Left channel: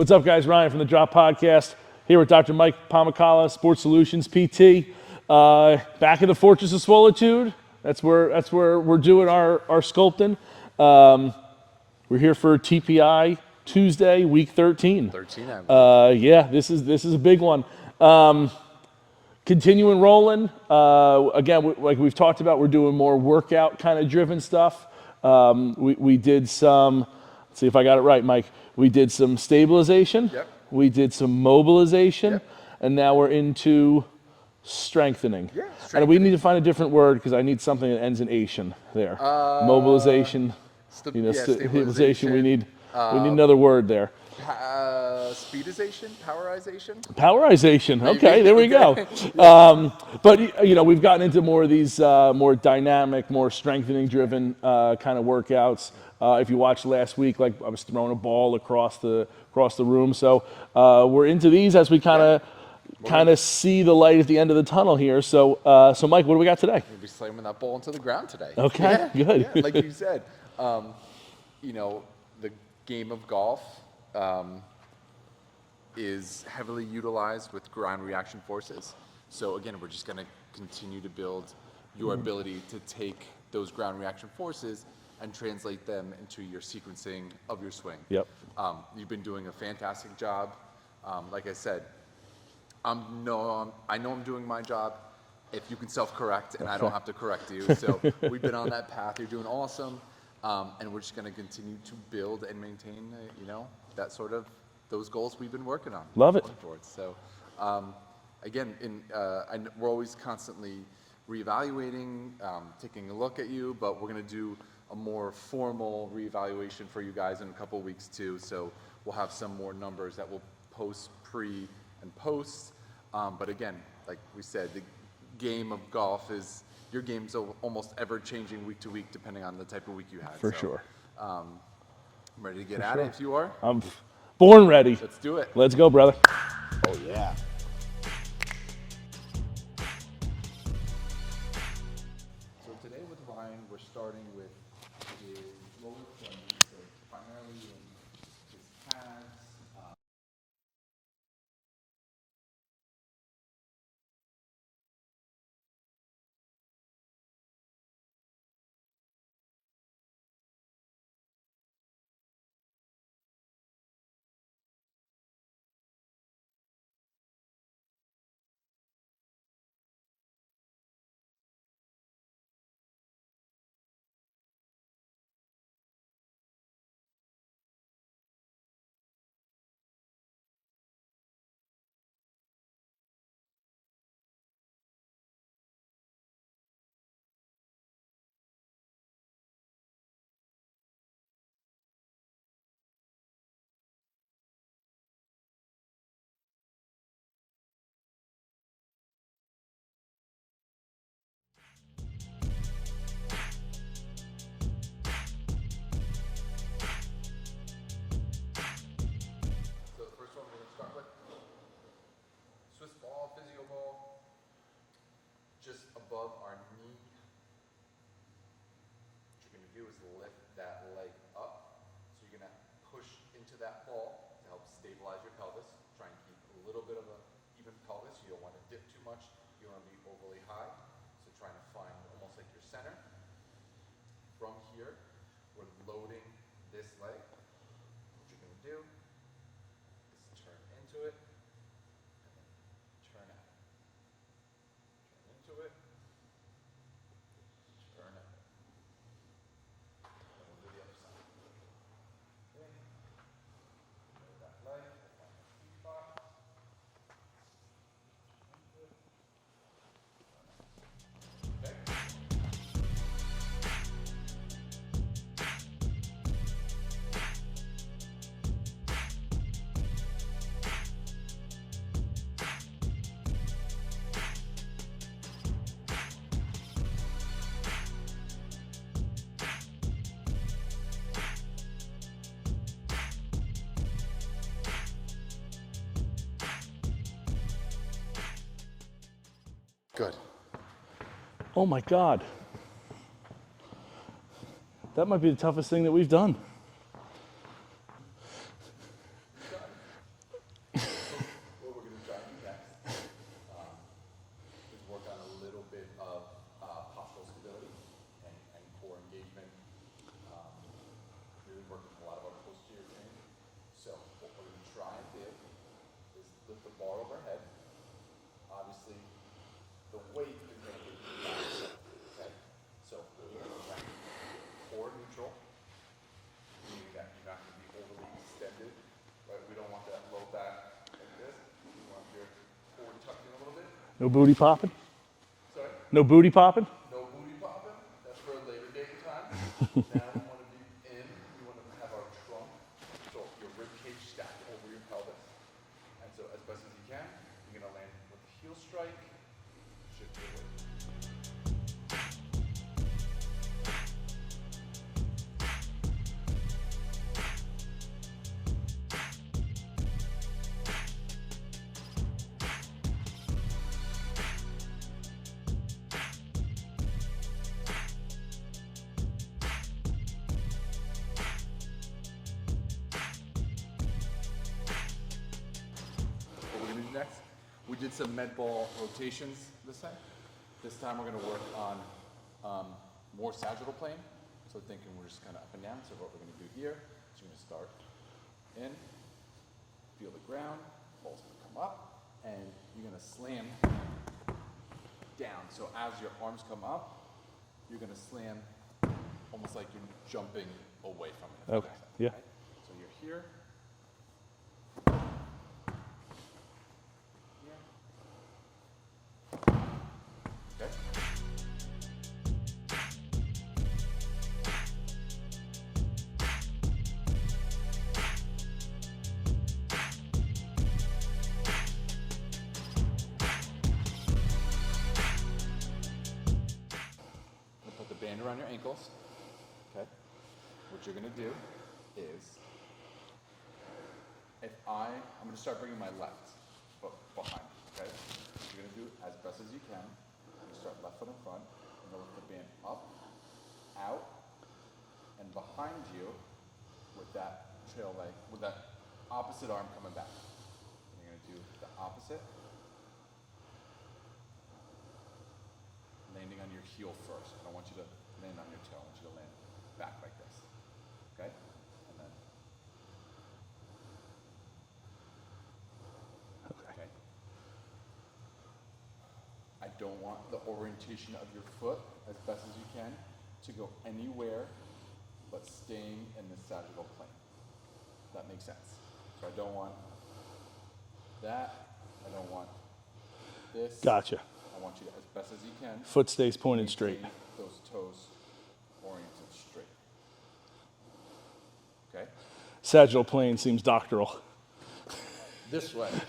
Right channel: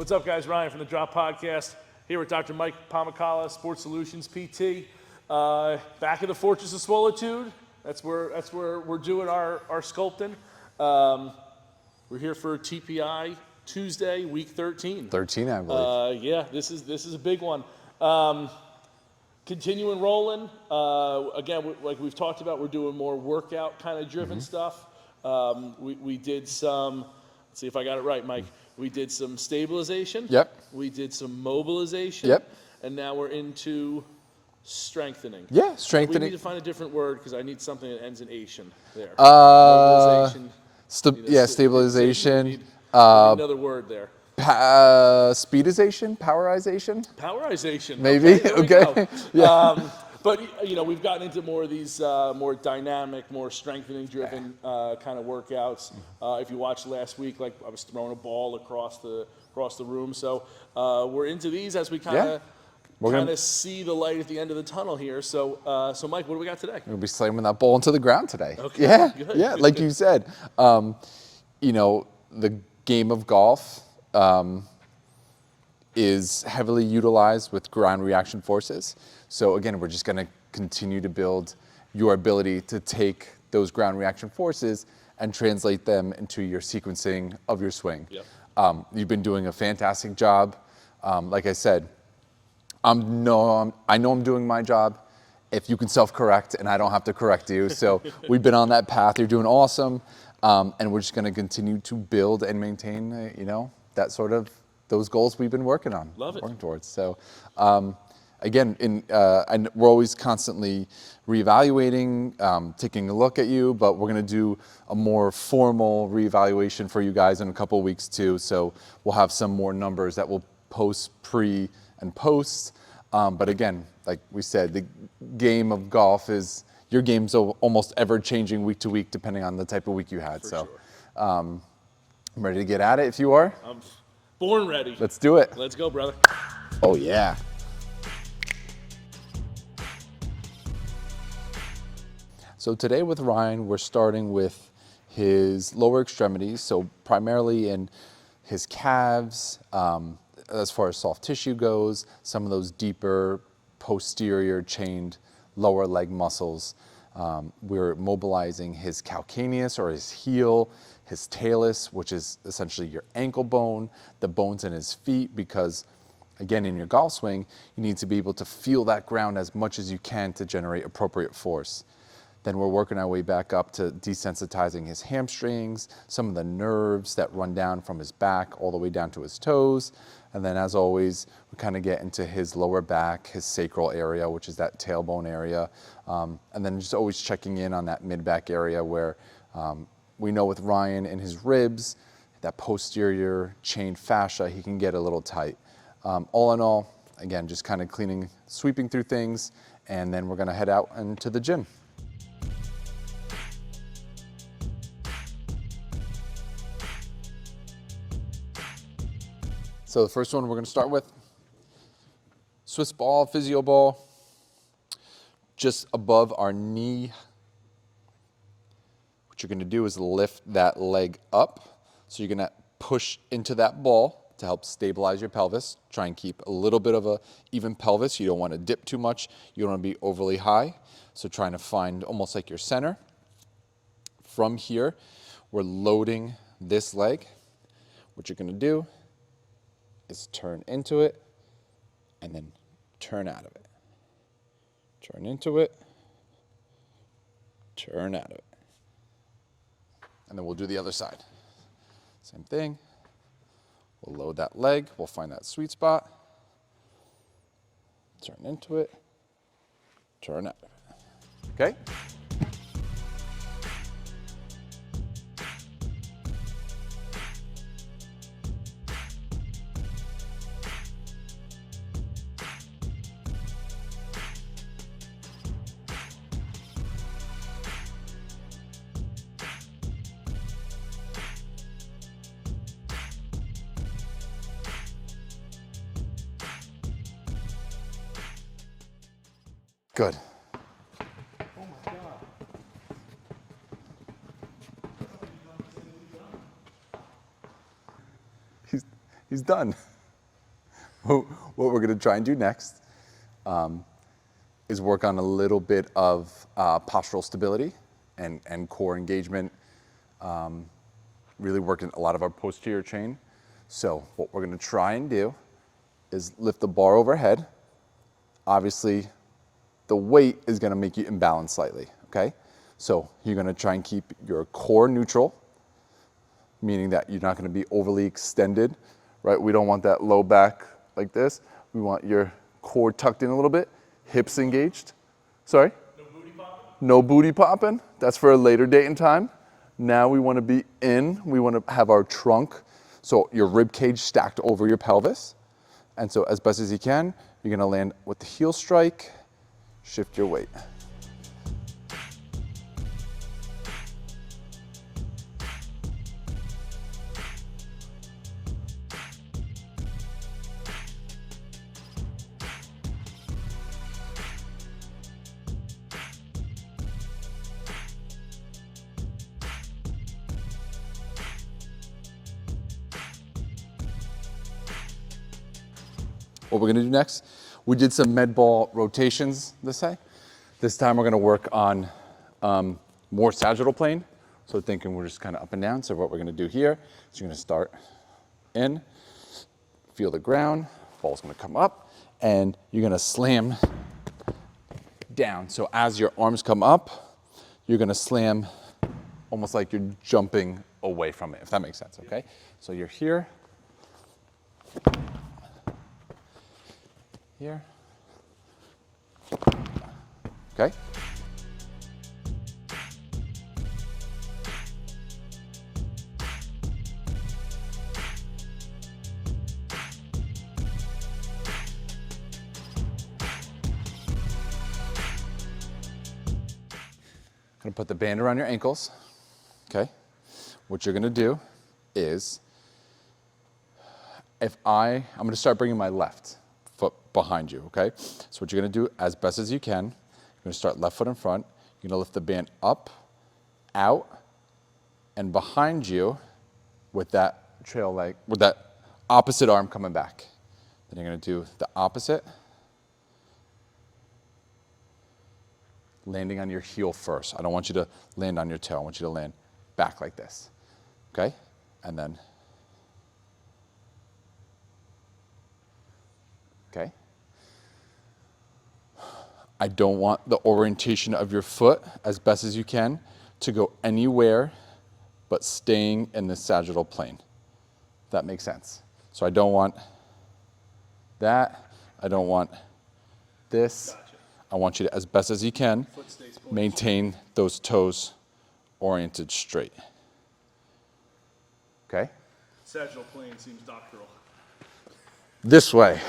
What's up, guys? Ryan from the Drop Podcast here with Dr. Mike Pomacala, Sports Solutions PT. Back in the Fortress of Swolitude. That's where we're doing our sculpting. We're here for TPI Tuesday, week 13. 13, I believe. Yeah, this is a big one. Continuing rolling. Again, like we've talked about, we're doing more workout kind of driven stuff. We did some, let's see if I got it right, Mike. We did some stabilization. Yep. We did some mobilization. Yep. And now we're into strengthening. Yeah, strengthening. And we need to find a different word because I need something that ends in ation there. Mobilization. Stabilization. We need another word there. Speedization? Powerization? Powerization. Maybe. Okay, there we Okay. go. But we've gotten into more of these more dynamic, more strengthening driven kind of workouts. If you watched last week, like I was throwing a ball across the room. So we're into these as we kind of see the light at the end of the tunnel here. So Mike, what do we got today? We'll be slamming that ball into the ground today. Okay. Yeah. Good. Yeah. Like you said, the game of golf is heavily utilized with ground reaction forces. So again, we're just going to continue to build your ability to take those ground reaction forces and translate them into your sequencing of your swing. Yep. You've been doing a fantastic job. Like I said, I know I'm doing my job. If you can self-correct and I don't have to correct you. So we've been on that path. You're doing awesome. And we're just going to continue to build and maintain, that sort of those goals we've been working on. Love it. Working towards. So, again, and we're always constantly reevaluating, taking a look at you, but we're going to do a more formal reevaluation for you guys in a couple of weeks too. So we'll have some more numbers that we'll post pre and post. But again, like we said, the game of golf is. Your game's almost ever-changing week to week, depending on the type of week you had. For sure. I'm ready to get at it if you are. I'm born ready. Let's do it. Let's go, brother. Oh, yeah. So today with Ryan, we're starting with his lower extremities, so primarily in his calves, as far as soft tissue goes, some of those deeper posterior chained lower leg muscles. We're mobilizing his calcaneus or his heel, his talus, which is essentially your ankle bone, the bones in his feet, because again, in your golf swing, you need to be able to feel that ground as much as you can to generate appropriate force. Then we're working our way back up to desensitizing his hamstrings, some of the nerves that run down from his back all the way down to his toes. And then as always, we kind of get into his lower back, his sacral area, which is that tailbone area. And then just always checking in on that mid-back area where we know with Ryan and his ribs, that posterior chain fascia, he can get a little tight. All in all, again, just kind of sweeping through things, and then we're gonna head out into the gym. So the first one we're going to start with, Swiss ball, physio ball, just above our knee. What you're going to do is lift that leg up. So you're going to push into that ball to help stabilize your pelvis. Try and keep a little bit of a even pelvis. You don't want to dip too much. You don't want to be overly high. So trying to find almost like your center. From here, we're loading this leg. What you're going to do is turn into it and then turn out of it. Turn into it, turn out of it. And then we'll do the other side. Same thing. We'll load that leg, we'll find that sweet spot. Turn into it, turn out of it. Okay? Good. Oh my God. That might be the toughest thing that we've done. He's done. So what we're gonna try and do next is work on a little bit of postural stability and core engagement, really working a lot of our posterior chain. So what we're gonna try and do is lift the bar overhead. Obviously, the weight is gonna make you imbalance slightly, okay? So you're gonna try and keep your core neutral, meaning that you're not gonna be overly extended, right? We don't want that low back like this. We want your core tucked in a little bit, No hips booty popping? engaged. Sorry? No booty popping? No booty popping. That's for a later date and time. Now we want to be in. We want to have our trunk, so your rib cage stacked over your pelvis. And so as best as you can, you're going to land with the heel strike, shift your weight. What we're gonna do next, we did some med ball rotations this time we're gonna work on more sagittal plane. So thinking we're just kind of up and down. So what we're gonna do here is you're gonna start in, feel the ground, ball's gonna come up, and you're gonna slam down. So as your arms come up, you're gonna slam almost like you're jumping away from it, if that makes sense, okay? Yeah. So you're here, here. Okay. Gonna put the band around your ankles. Okay. What you're gonna do is, I'm gonna start bringing my left foot behind you, okay? So what you're gonna do as best as you can, you're gonna start left foot in front, you're gonna lift the band up, out, and behind you with that trail leg, with that opposite arm coming back. Then you're gonna do the opposite, landing on your heel first. I don't want you to land on your toe, I want you to land back like this, okay? And then, okay. I don't want the orientation of your foot, as best as you can, to go anywhere but staying in the sagittal plane. That makes sense. So I don't want that. I don't want this. Gotcha. I want you to, as best as you can, Foot stays pointed maintain those toes oriented straight. Okay? Sagittal plane seems doctoral. This way.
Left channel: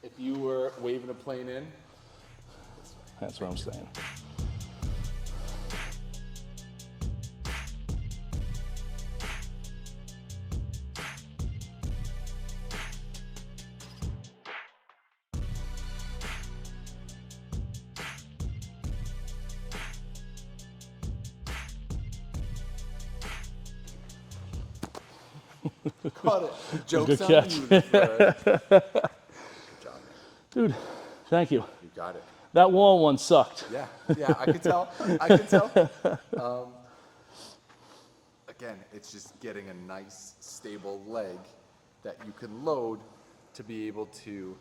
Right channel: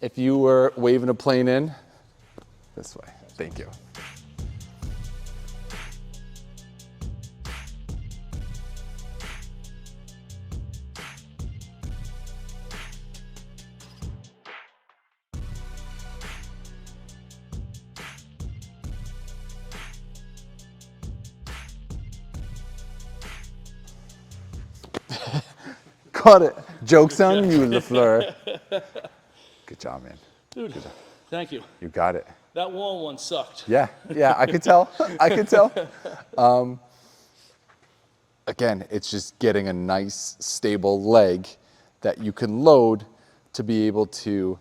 If you were waving a plane in, this way. That's Thank what you. I'm saying. Caught it. Joke's Good on catch. you, LaFleur. Good job, man. Dude, thank you. You got it. That wall one sucked. Yeah, I could tell. I could tell. Again, it's just getting a nice, stable leg that you can load to be able to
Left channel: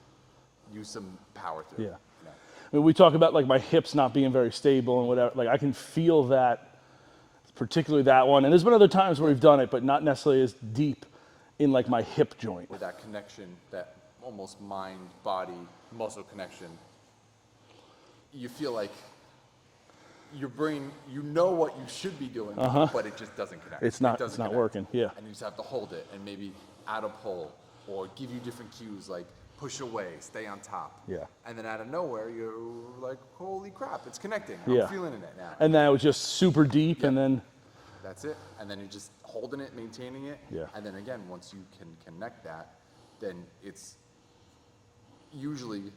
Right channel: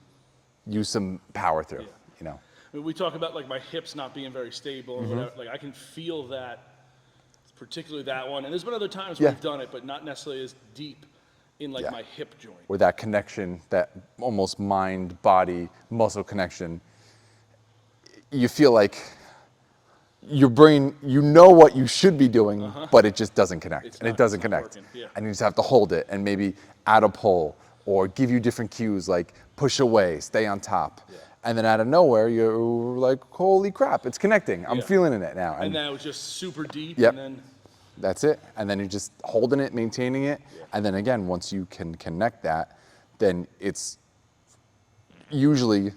use some power through. Yeah. You know. I mean, we talk about like my hips not being very stable and whatever. Like I can feel that, particularly that one. And there's been other times where Yeah. we've done it, but not necessarily as deep in like Yeah. my hip joint. Or that connection, that almost mind, body, muscle connection. You feel like your brain, you know what you should be doing, but it just doesn't connect. It's and not- it doesn't it's not connect. working, yeah. And you just have to hold it and maybe add a pull or give you different cues like push away, stay on top. Yeah. And then out of nowhere, you're like, holy crap, it's connecting. I'm Yeah. feeling it now. And that was just super deep, Yep. and then That's it. And then you're just holding it, maintaining it. Yeah. And then again, once you can connect that, then it's usually,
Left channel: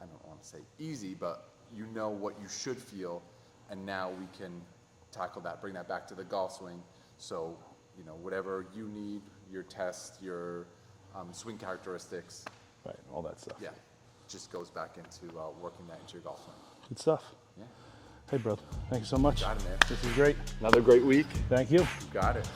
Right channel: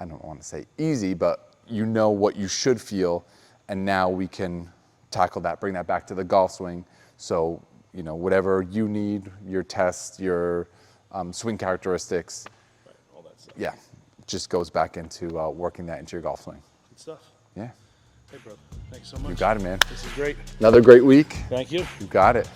I don't want to say easy, but you know what you should feel. And now we can tackle that, bring that back to the golf swing. So, you know, whatever you need, your test, your swing characteristics. Right, all that stuff. Yeah, just goes back into working that into your golf swing. Good stuff. Yeah, Hey, brother. Thank you so much. got it, man. This is great. Another great week. Thank you. You got it.